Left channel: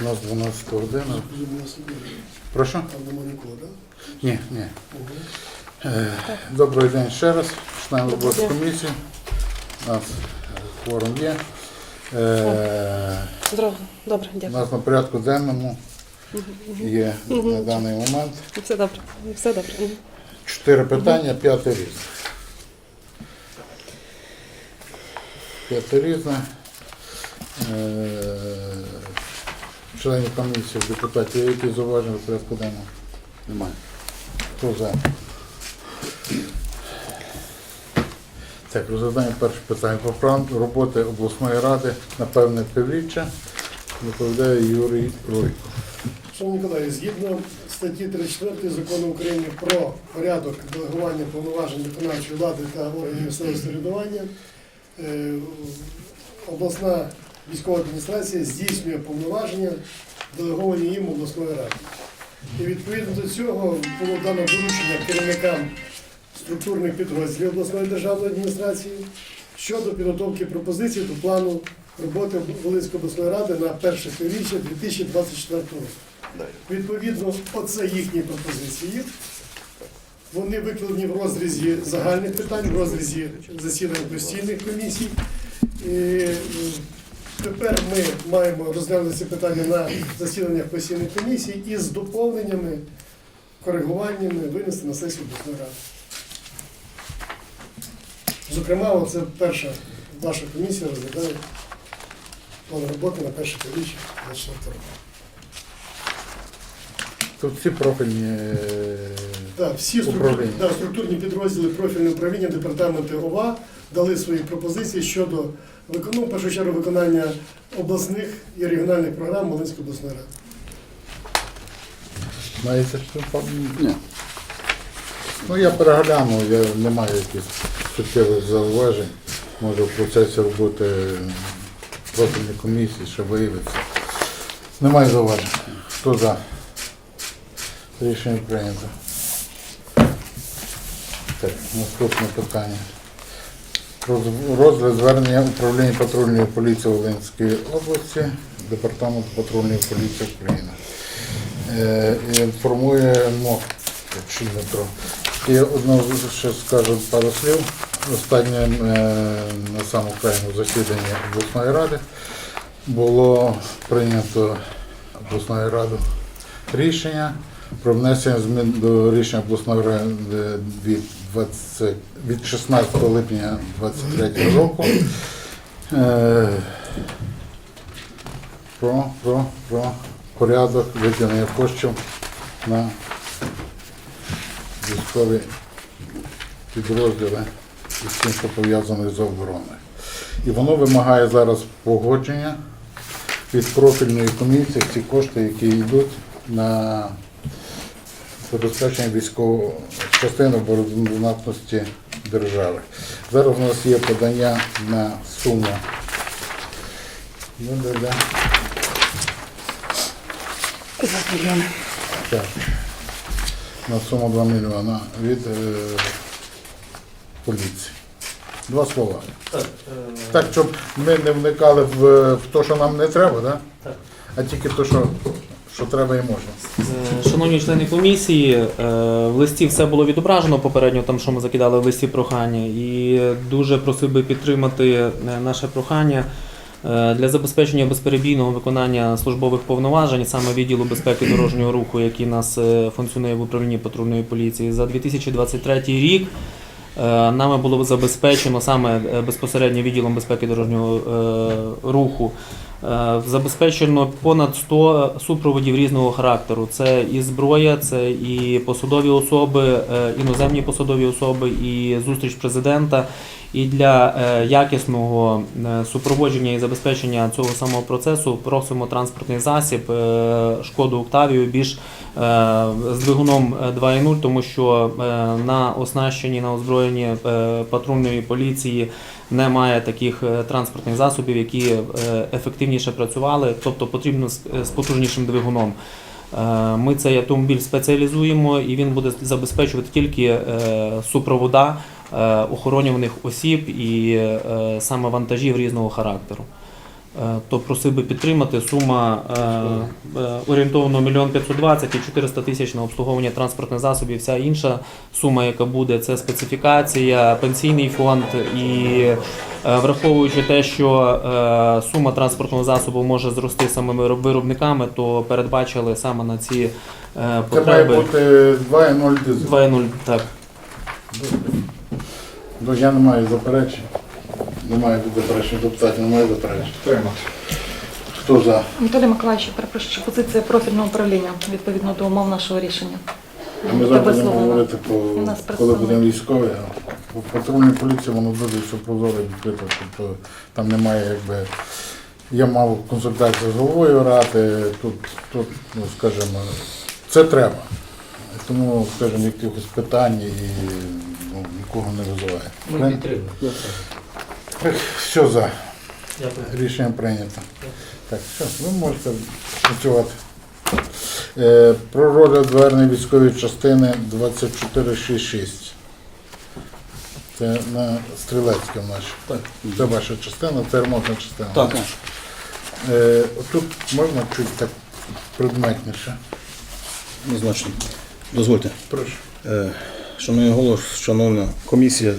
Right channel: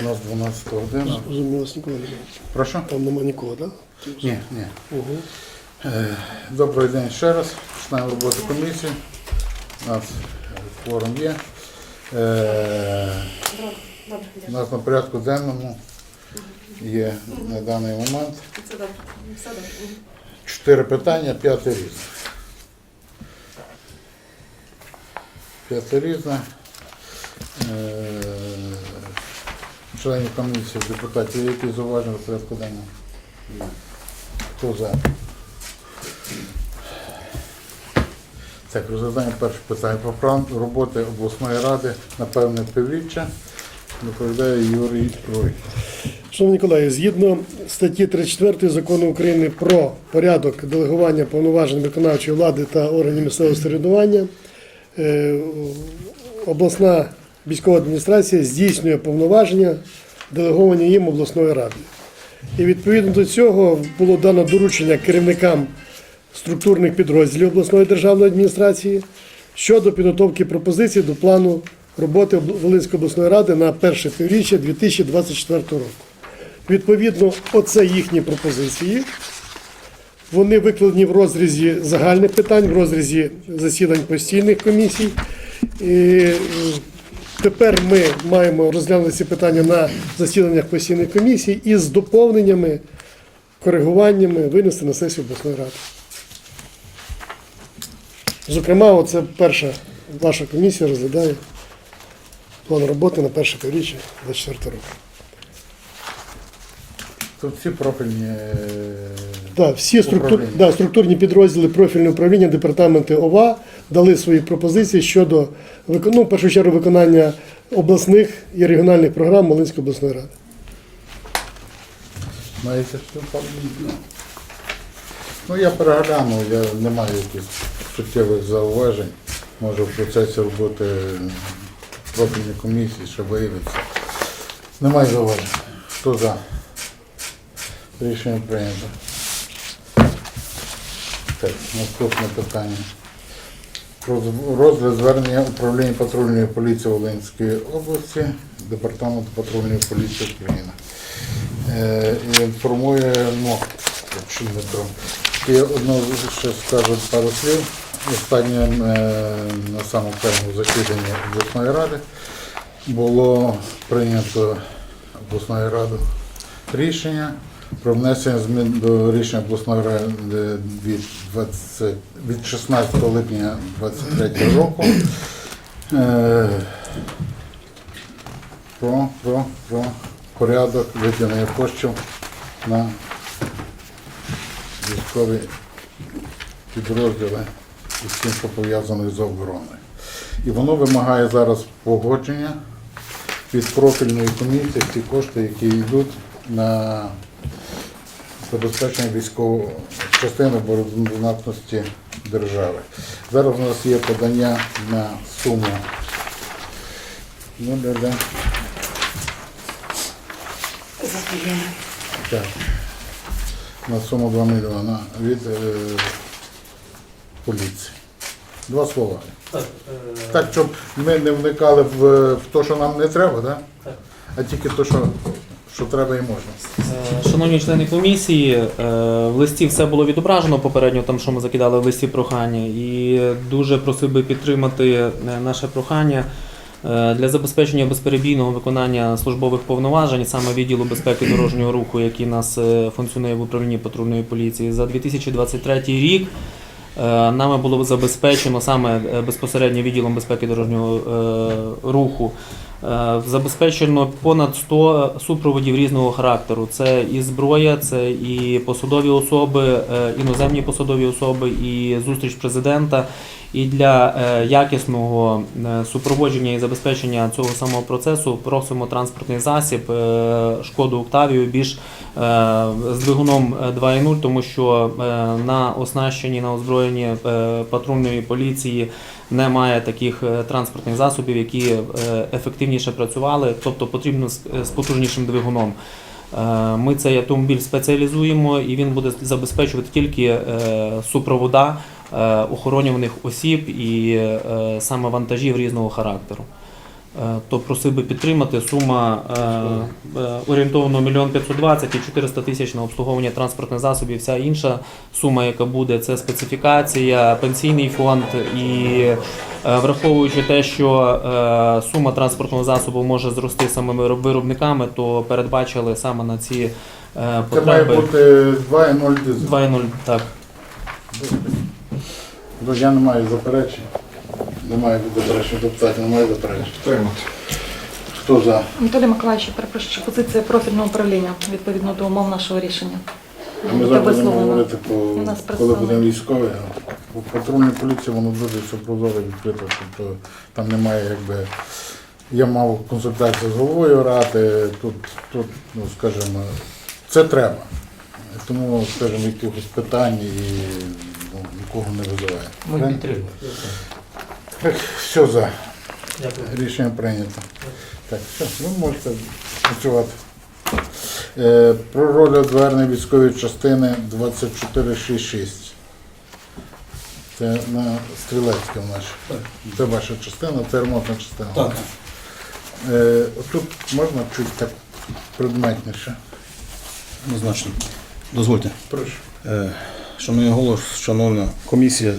У нас 12 година. Розумію, вас ніколи немає. Прошу? Там нема нікого, так? Ні, ні. Угу. Е, Добрий день ще раз. Починаємо роботу комісії. У нас е, кворум є. Е, Добре, добре, У дякую. нас на порядку денному є на даний момент Все добре, все добре. чотири питання, п'яте різне. П'яте різне. Е, Членів комісії, депутатів, є якісь зауваження до порядку денного? Немає. Хто за? Так, розглядаємо перше питання про план роботи обласної ради на певне півріччя. Доповідає Юрій Ройко. Шановні колеги, згідно статті 34 закону України про порядок делегування повноважень виконавчої влади та органів місцевого самоврядування, е, обласна військова адміністрація здійснює повноваження, делеговані їм обласної ради. І відповідно до цього було дано доручення керівникам структурних підрозділів обласної державної адміністрації щодо підготовки пропозицій до плану роботи Волинської обласної ради на перше півріччя 2024 року. Відповідно, оце їхні пропозиції. Вони викладені в розрізі загальних питань, в розрізі засідань постійних комісій. І тепер ми маємо розглянути ці питання на засіданнях постійних комісій і з доповненнями, коригуваннями винести на сесію обласної ради. Зокрема, оце перша ваша комісія розглядає план роботи на перше півріччя 2024 року. Тут всі профільні е, Да, всі структур, да, структурні підрозділи профільного управління, департаменти ОВА дали свої пропозиції щодо ну, в першу чергу виконання обласних і регіональних програм Волинської обласної ради. маєте що? Ні. Ну я перегляну, я не маю якихось суттєвих зауважень. Може в процесі роботи профільної комісії ще виявиться. Немає зауважень. Хто за? Рішення прийнято. Так, наступне питання. Розгляд звернення управління патрульної поліції Волинської області, Департаменту патрульної поліції України. Е, інформує МОК, чи Дмитро. І одно ще скажу пару слів. Останнє е, на самому крайньому засіданні обласної ради було прийнято обласною радою рішення про внесення змін до рішення обласної ради від, 20, від 16 липня 2023 року. Е, про, про, про порядок виділення коштів на військові підрозділи і всім, що пов'язано з обороною. І воно вимагає зараз погодження від профільної комісії ці кошти, які йдуть на забезпечення військової частини обороноздатності держави. Зараз у нас є подання на суму. Ну, да, да. Так. На суму 2 мільйона від е, поліції. Два слова. Так, щоб ми не вникали в, в те, що нам не треба, да? а тільки те, що, що треба і можна. Е, Шановні члени комісії, е, в листі все було відображено попередньо, там що ми закидали в листі прохання, і дуже просив би підтримати е, наше прохання для забезпечення безперебійного виконання службових повноважень саме відділу безпеки дорожнього руху, який нас функціонує в управлінні патрульної поліції за 2023 рік. Нами було забезпечено саме безпосередньо відділом безпеки дорожнього руху. Е, Забезпечено понад 100 супроводів різного характеру. Це і зброя, це і посадові особи, е, іноземні посадові особи, і зустріч президента. І для е, якісного супроводження і забезпечення цього самого процесу просимо транспортний засіб шкоду Октавію більш з двигуном е, 2.0, тому що на оснащенні на озброєнні патрульної поліції немає таких е, транспортних засобів, які е, ефективніше працювали, тобто потрібно з, з потужнішим двигуном. Е, Ми цей автомобіль спеціалізуємо і він буде забезпечувати тільки е, супровода е, охоронюваних осіб і е, саме вантажів різного характеру. Е, То просив би підтримати сума е, е, орієнтовно 1 520 і 400 тисяч на обслуговування транспортних засобів. Вся інша сума, яка буде, це специфікація, пенсійний фонд і враховуючи те, що сума транспортного засобу може зрости самими виробниками, то передбачили саме на ці е, Це має бути 2,0 дизель. 2,0. Так. Я не маю заперечень. Немає заперечень депутатів, немає заперечень. Хто за? Анатолій Миколаївич, перепрошую, позиція профільного управління відповідно до умов нашого рішення. Ми Буде зараз будемо висловлено. говорити про нас коли представник. будемо військові. а У патрульній поліції воно дуже все прозоро відкрито. Тобто там немає якби. Я мав консультацію з головою ради, тут, тут, ну скажімо, це треба. Тому, скажімо, якихось питань і ну, нікого не визиває. Правильно? Так, Все за. Рішення прийнято. Так, все, ви можете працювати. Е, Про розгляд звернення військової частини 2466. Це на Стрілецьке в нашій. Це ваша частина, це ремонтна частина. Так. Е, Тут можна чуть так предметніше. Однозначно. Дозвольте. Прошу. Е, Шановний голос, шановна комісія,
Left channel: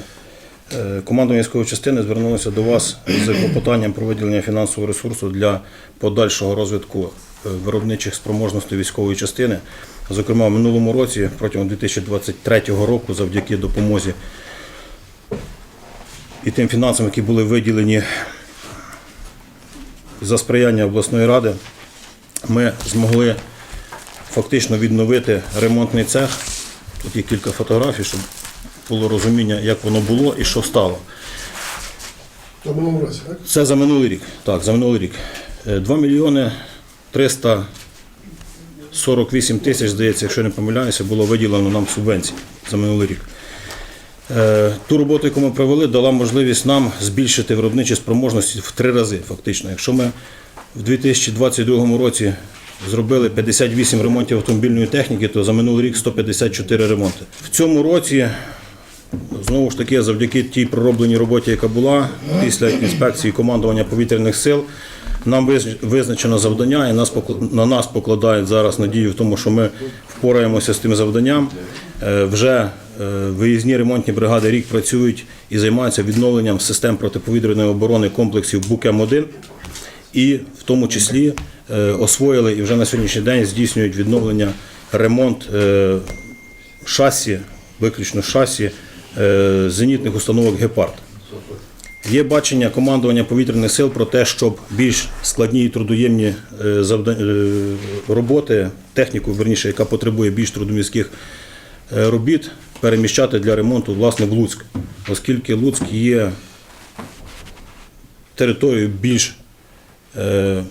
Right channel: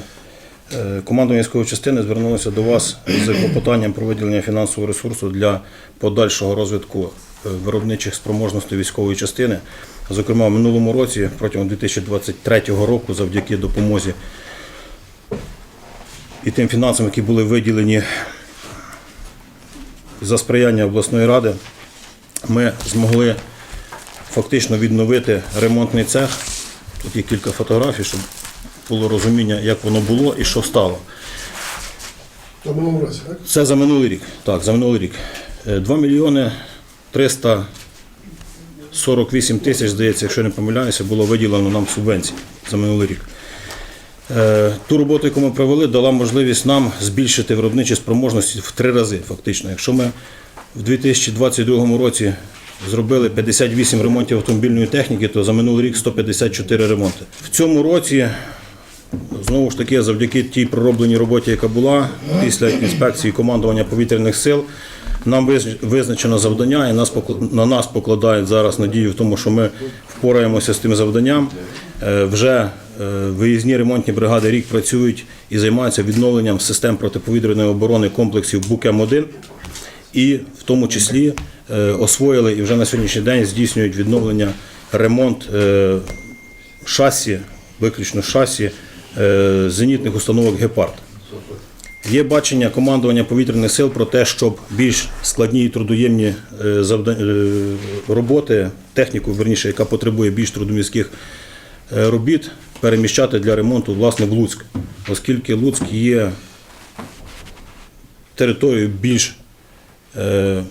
командування військової частини звернулося до вас з клопотанням про виділення фінансового ресурсу для подальшого розвитку е, виробничих спроможностей військової частини. Зокрема, в минулому році, протягом 2023 року, завдяки допомозі і тим фінансам, які були виділені за сприяння обласної ради, ми змогли фактично відновити ремонтний цех. Тут є кілька фотографій, щоб було розуміння, як воно було і що стало. В минулому році, так? Це за минулий рік. Так, за минулий рік. Е, 2 мільйони 348 тисяч, здається, якщо не помиляюся, було виділено нам субвенцій за минулий рік. Е, Ту роботу, яку ми провели, дала можливість нам збільшити виробничі спроможності в три рази, фактично. Якщо ми в 2022 році зробили 58 ремонтів автомобільної техніки, то за минулий рік 154 ремонти. В цьому році Знову ж таки, завдяки тій проробленій роботі, яка була після інспекції командування повітряних сил, нам виз- визначено завдання, і нас на нас покладають зараз надію в тому, що ми впораємося з тим завданням. Е, Вже е, виїзні ремонтні бригади рік працюють і займаються відновленням систем протиповітряної оборони комплексів БУК-М1 і в тому числі е, освоїли і вже на сьогоднішній день здійснюють відновлення ремонт шасі, виключно шасі зенітних установок Гепард. Є бачення командування повітряних сил про те, щоб більш складні і трудоємні е, е, роботи, техніку, верніше, яка потребує більш трудомістких е, робіт, переміщати для ремонту власне в Луцьк, оскільки Луцьк є територією більш е,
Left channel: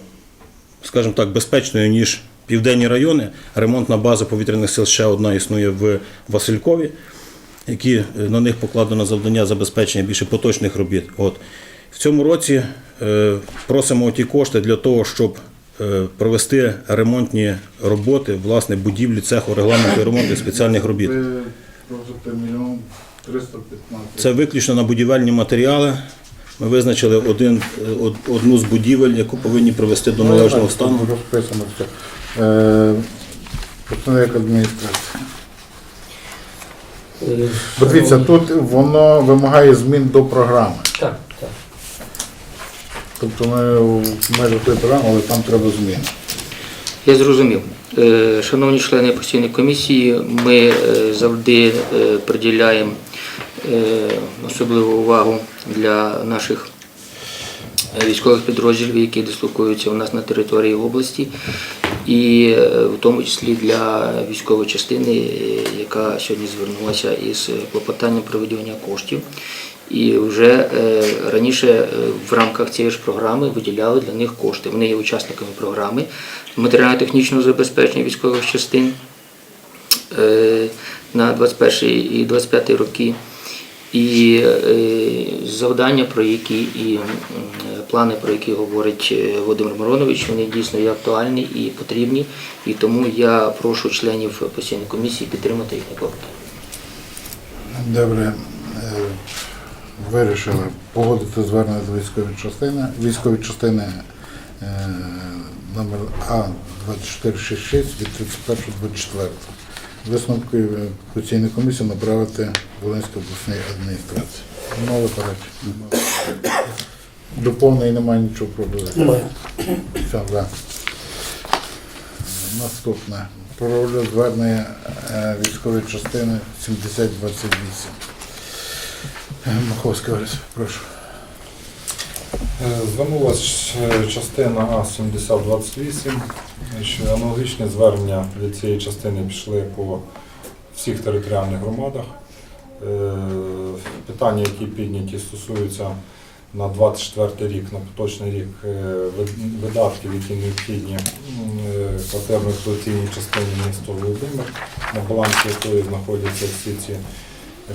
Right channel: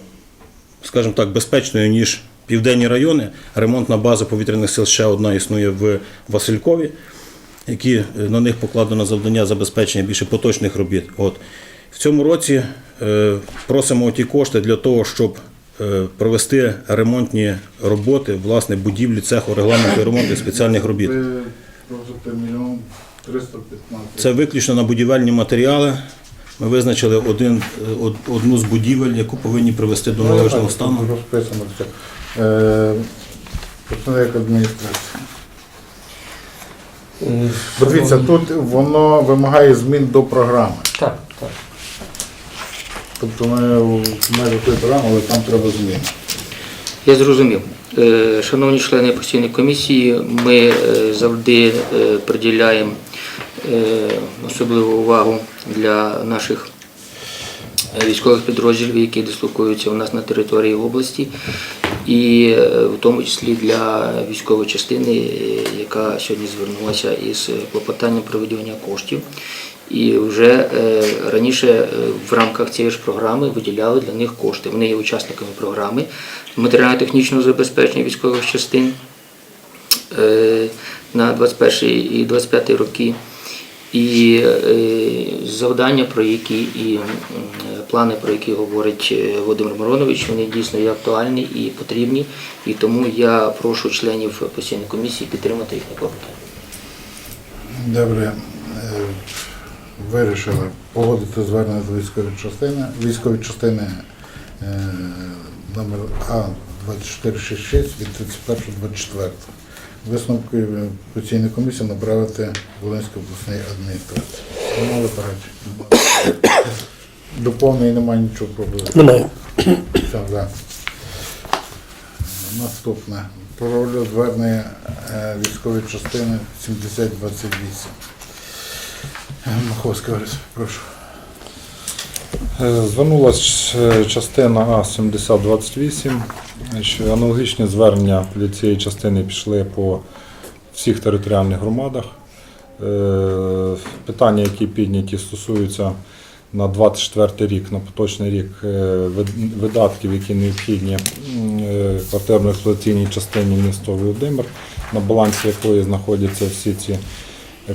скажімо так, безпечною, ніж південні райони. Ремонтна база повітряних сил ще одна існує в Василькові, які е, на них покладено завдання забезпечення більше поточних робіт. От. В цьому році е, просимо ті кошти для того, щоб е, провести ремонтні роботи, власне, будівлі цеху регламенту ремонту спеціальних робіт. Ви просите мільйон 315. Це виключно на будівельні матеріали. Ми визначили один, одну з будівель, яку повинні привести до належного стану. Розписано все. Е, Представник адміністрації. Бо дивіться, тут воно вимагає змін до програми. Так, так. Тобто ми в межах тої програми, але там треба зміни. Я зрозумів. Е, Шановні члени постійної комісії, ми е, завжди е, приділяємо особливу увагу для наших військових підрозділів, які дислокуються у нас на території області, і е, в тому числі для військової частини, яка сьогодні звернулася із клопотанням про виділення коштів. І вже е, раніше е, в рамках цієї ж програми виділяли для них кошти. Вони є учасниками програми матеріально-технічного забезпечення військових частин на 21 і 25 роки. І е, завдання, про які і плани, про які говорить е, Володимир Миронович, вони дійсно є актуальні і потрібні. І тому я прошу членів постійної комісії підтримати їх на клопотання. Добре. Е, Вирішили погодити звернення до військової частини. Військової частини номер А2466 від 31.24. Висновки постійної комісії направити Волинській обласній адміністрації. Мали перечі. Доповнення немає нічого пропозиції. Немає. Все, да. Наступне. Про звернення е, військової частини 7028. Е, Маховський Орис, прошу. Е, Звернулась е, частина А-7028, що аналогічні звернення від цієї частини пішли по всіх територіальних громадах. Е, Питання, які підняті, стосуються на 24 рік, на поточний рік е, видатків, які необхідні м, е, квартирно-експлуатаційній частині міста Володимир, на балансі якої знаходяться всі ці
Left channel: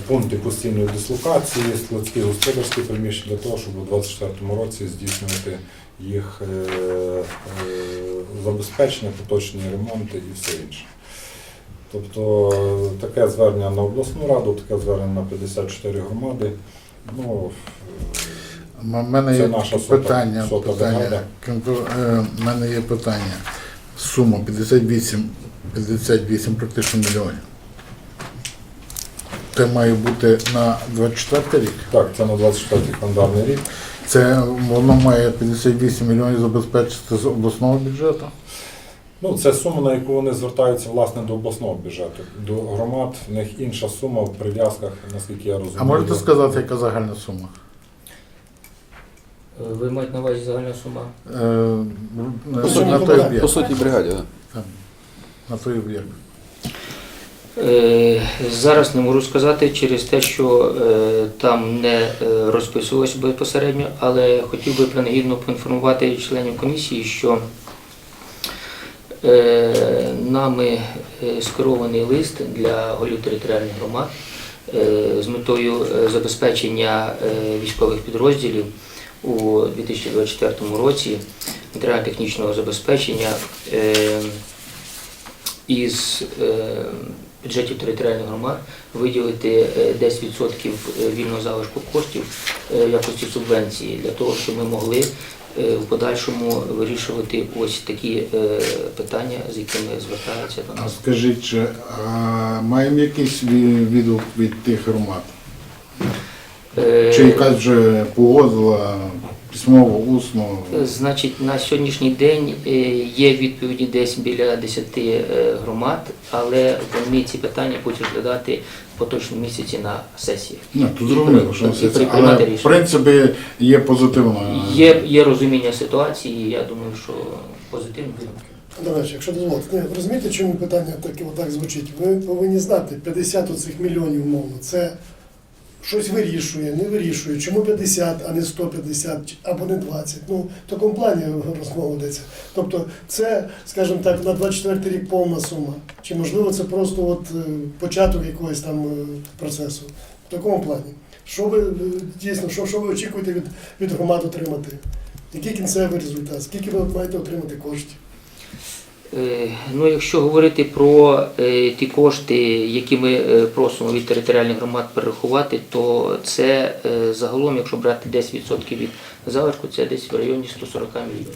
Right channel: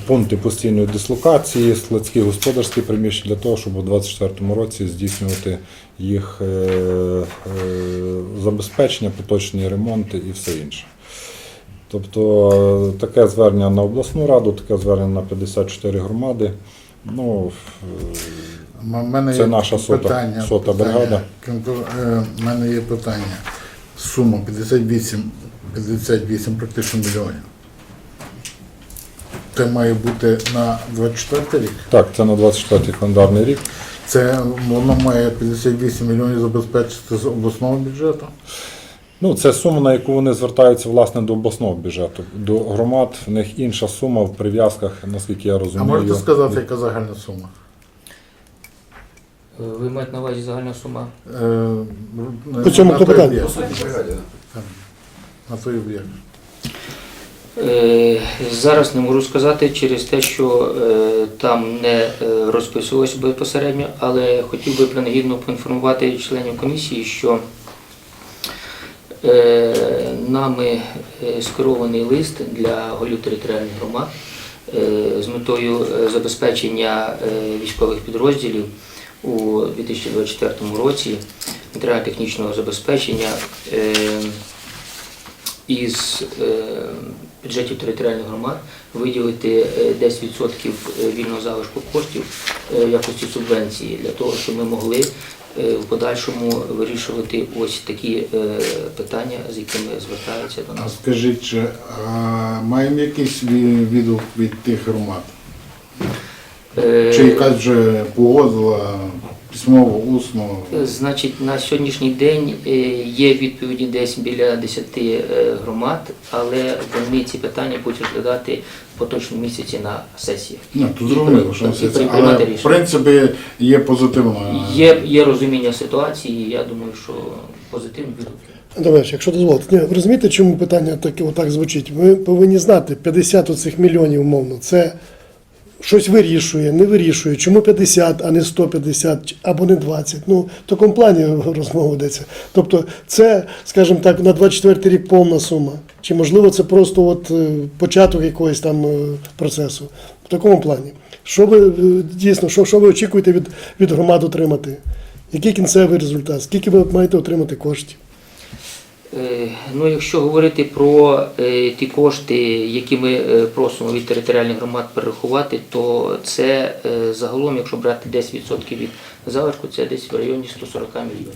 пункти постійної дислокації, складські господарські приміщення для того, щоб у 2024 році здійснювати їх е, е, забезпечення, поточні ремонти і все інше. Тобто таке звернення на обласну раду, таке звернення на 54 громади. Ну, У мене є наша питання. сота питання. того, е, мене є питання. Сума 58, 58 практично мільйонів. Це має бути на 24 рік. так, це на 24 календарний рік. Це воно має 58 мільйонів забезпечити з обласного бюджету. Ну, це сума, на яку вони звертаються власне до обласного бюджету. До громад в них інша сума в прив'язках, наскільки я розумію. А можете сказати, яка загальна сума? Е, Ви маєте на увазі загальна сума? Е, По цьому на той об'єкт. По суті, бригаді. Там, На той об'єкт. Е, Зараз не можу сказати через те, що е, там не е, розписувалося безпосередньо, але хотів би принагідно поінформувати членів комісії, що нами скерований лист для голів територіальних громад з метою забезпечення військових підрозділів у 2024 році матеріально-технічного забезпечення. із бюджетів територіальних громад виділити е, 10% вільного залишку коштів е, в якості субвенції для того, щоб ми могли е, в подальшому вирішувати ось такі е, питання, з якими звертаються до А нас. скажіть, чи а, маємо якийсь ві- відгук від тих громад? Е, Чи якась вже погодила письмово, усно? Значить, на сьогоднішній день е, є відповіді десь біля 10 е, громад, але вони ці питання будуть розглядати в поточному місяці на сесіях. Ну, то зрозуміло, що це. приймати Але в рішення. принципі є позитивно. Є, є розуміння ситуації, і я думаю, що позитивно буде. Добре, якщо дозволите. Ні, ви розумієте, чому питання таке отак звучить? Ви повинні знати, 50 оцих мільйонів, умовно, це щось вирішує, не вирішує. Чому 50, а не 150 чи- або не 20? Ну, в такому плані розмова йдеться. Тобто це, скажімо так, на 24 рік повна сума. Чи можливо це просто от е, початок якогось там е, процесу? В такому плані. Що ви е, дійсно, що, що ви очікуєте від, від громад отримати? Який кінцевий результат? Скільки ви маєте отримати коштів? Е, Ну, якщо говорити про е, ті кошти, які ми е, просимо від територіальних громад перерахувати, то це загалом, якщо брати 10% від залишку, це десь в районі 140 мільйонів.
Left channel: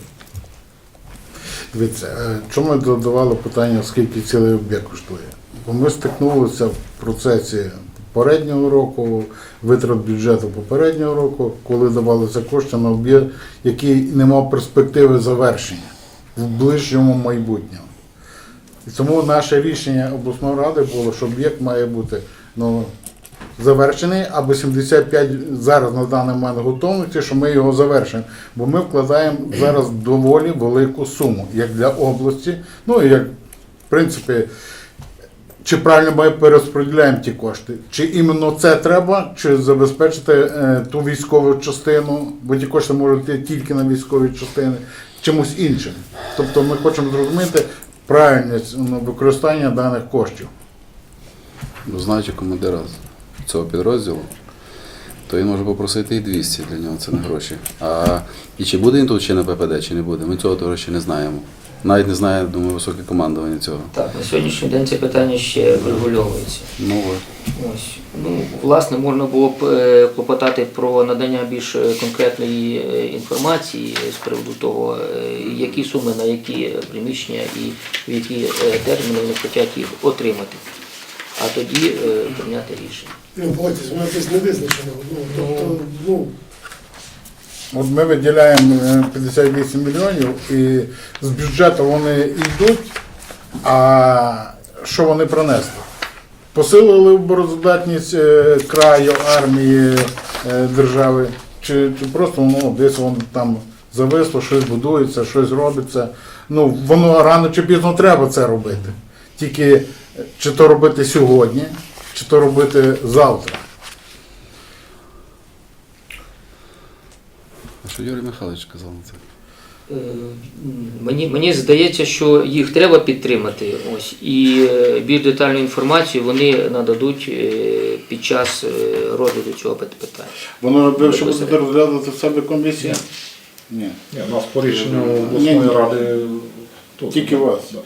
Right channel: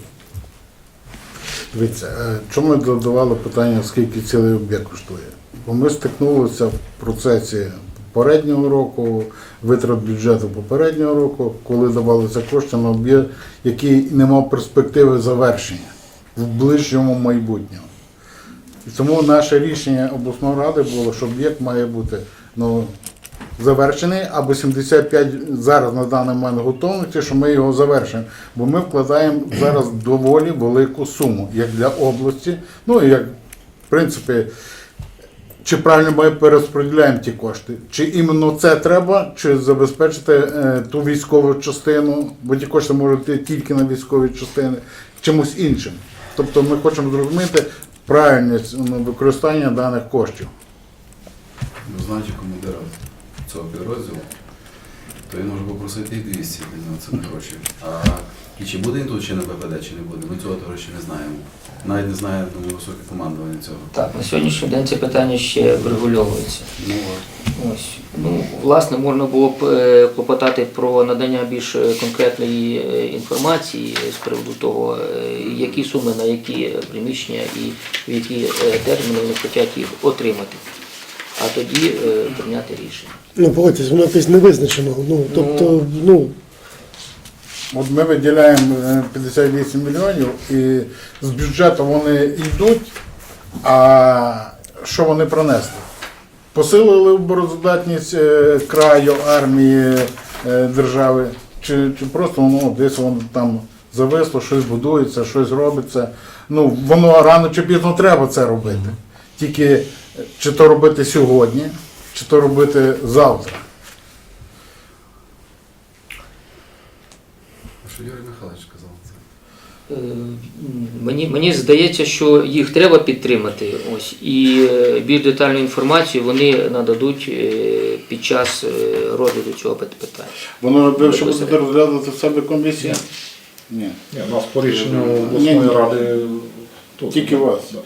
Дивіться, чому ми додавали питання, скільки цілий об'єкт коштує? Бо ми стикнулися в процесі попереднього року, витрат бюджету попереднього року, коли давалися кошти на об'єкт, який не мав перспективи завершення в ближчому майбутньому. І тому наше рішення обласної ради було, що об'єкт має бути ну, завершений, або 75 зараз на даний момент готовності, що ми його завершимо. Бо ми вкладаємо зараз доволі велику суму, як для області, ну і як, в принципі, чи правильно ми перерозподіляємо ті кошти? Чи іменно це треба, чи забезпечити е, ту військову частину, бо ті кошти можуть йти тільки на військові частини, чимось іншим. Тобто ми хочемо зрозуміти правильність ну, використання даних коштів. Знаючи командира цього підрозділу, то він може попросити і 200 для нього це не гроші. А і чи буде він тут чи на ППД, чи не буде, ми цього ще не знаємо. Навіть не знає, думаю, високе командування цього. Так, на сьогоднішній день це питання ще врегульовується. Ну. Ось. Ну, власне, можна було б е, клопотати про надання більш е, конкретної е, інформації з приводу того, які суми на які приміщення і в які терміни вони хочуть їх отримати. А тоді прийняти рішення. Ну, погодьтесь, воно якесь не визначено. Ну, тобто, ну, От ми виділяємо е, 58 мільйонів і з бюджету вони йдуть, а що вони принесли? Посилили обороздатність е, краю, армії, е, держави, чи, чи просто воно десь воно там зависло, щось будується, щось робиться. Ну, воно рано чи пізно треба це робити. Тільки е, чи то робити сьогодні, чи то робити завтра. Що Юрій Михайлович казав на це? Е, Мені, мені здається, що їх треба підтримати. Ось, і е, більш детальну інформацію вони нададуть е, під час розгляду цього питання. Воно що буде розглядати в себе комісія? Ні. Ні, у нас по рішенню обласної ради тут. Тільки вас. Да.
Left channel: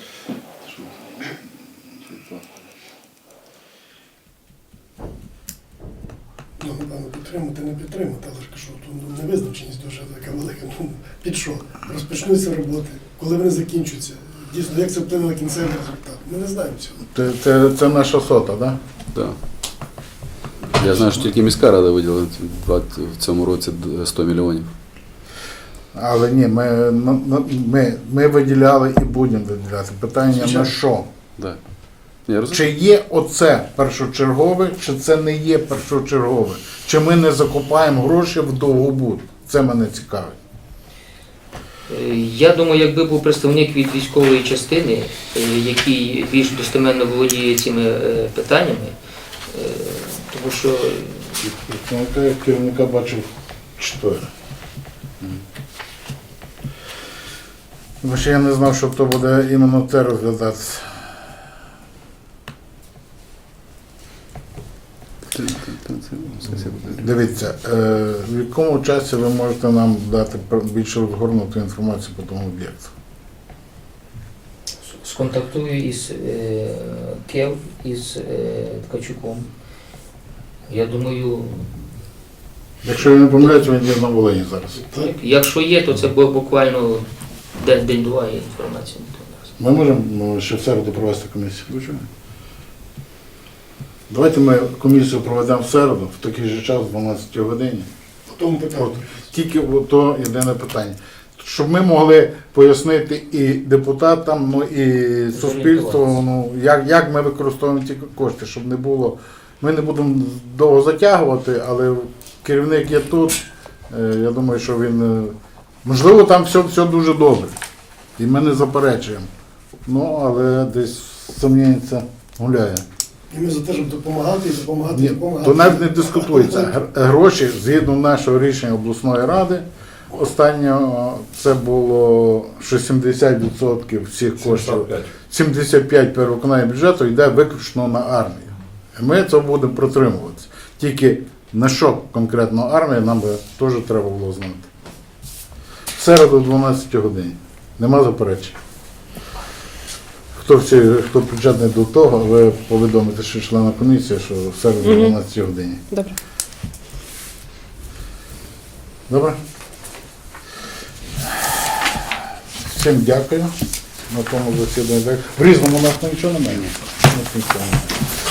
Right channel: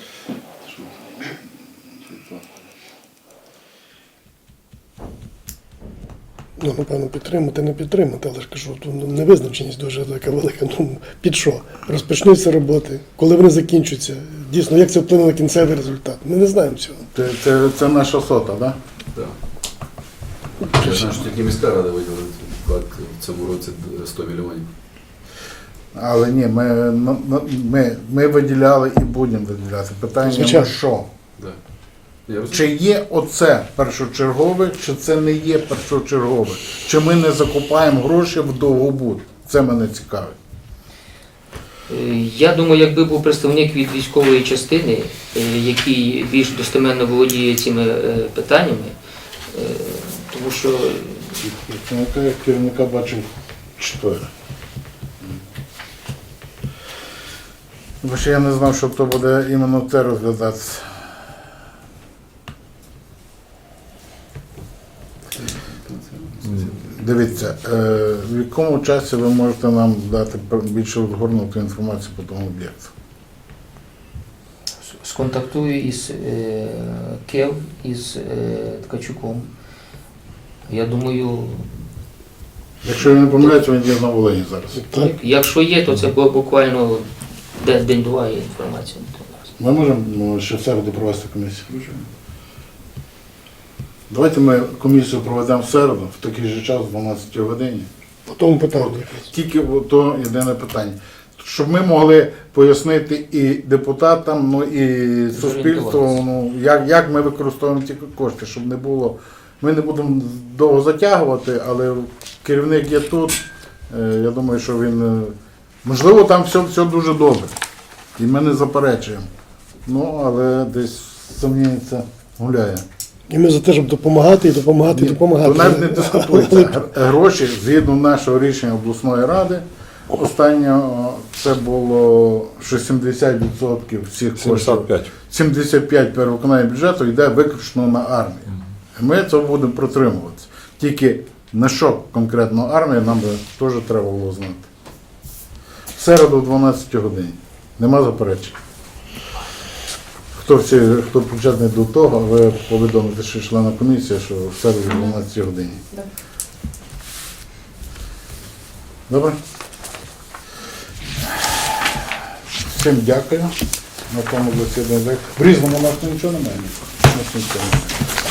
Ну, напевно, підтримати, не підтримати, але ж кажу, тут ну, невизначеність дуже така велика. Ну, під що? Розпочнуться роботи, коли вони закінчаться. Дійсно, як це вплине на кінцевий результат? Ми не знаємо цього. Це, це, це наша сота, так? Да? Так. Я знаю, що тільки міська рада виділила в цьому році 100 мільйонів. Але ні, ми, ми, ми виділяли і будемо виділяти. Питання на що? Да. Чи є оце першочергове, чи це не є першочергове? Чи ми не закупаємо гроші в довгобуд? Це мене цікавить. Е, Я думаю, якби був представник від військової частини, е, який більш достеменно володіє цими е, питаннями, тому що Керівника, я керівника бачив чотири. Бо ще я не знав, що то буде іменно це розглядатися. Дивіться, е, в якому часі ви можете нам дати пр- більш розгорнуту інформацію по тому об'єкту? сконтактую із е, Кев, із е, Ткачуком. Я думаю, Якщо я не помиляюся, він є на Волині зараз. Так? якщо є, то це бу- буквально день- день-два є інформація. Ми можемо ну, ще в середу провести комісію? Давайте ми комісію проведемо в середу, в такий же час, в 12 годині. По тому питанню. Тільки то єдине питання. Щоб ми могли пояснити і депутатам, ну і суспільству, ну як, як ми використовуємо ці кошти, щоб не було. Ми не будемо довго затягувати, але керівник є тут. Е, Я думаю, що він. е, Можливо, там все, все дуже добре. І ми не заперечуємо. Ну, але десь сумнівається гуляє. І ми за те, щоб допомагати і допомагати, і допомагати. то навіть не дискутується. Гроші згідно нашого рішення обласної ради. Останнього це було що 70% всіх коштів. 75. 75 перевиконання бюджету йде виключно на армію. І ми це будемо протримуватися. Тільки на що конкретно армія, нам би теж треба було знати. В середу о 12 годині. Нема заперечень. Хто, всі, хто причетний до того, ви повідомите, що члена комісії, що в середу о 12 годині. Добре. Добре? Всім дякую. На тому засіданні. В різному у нас нічого немає. У нас нічого немає.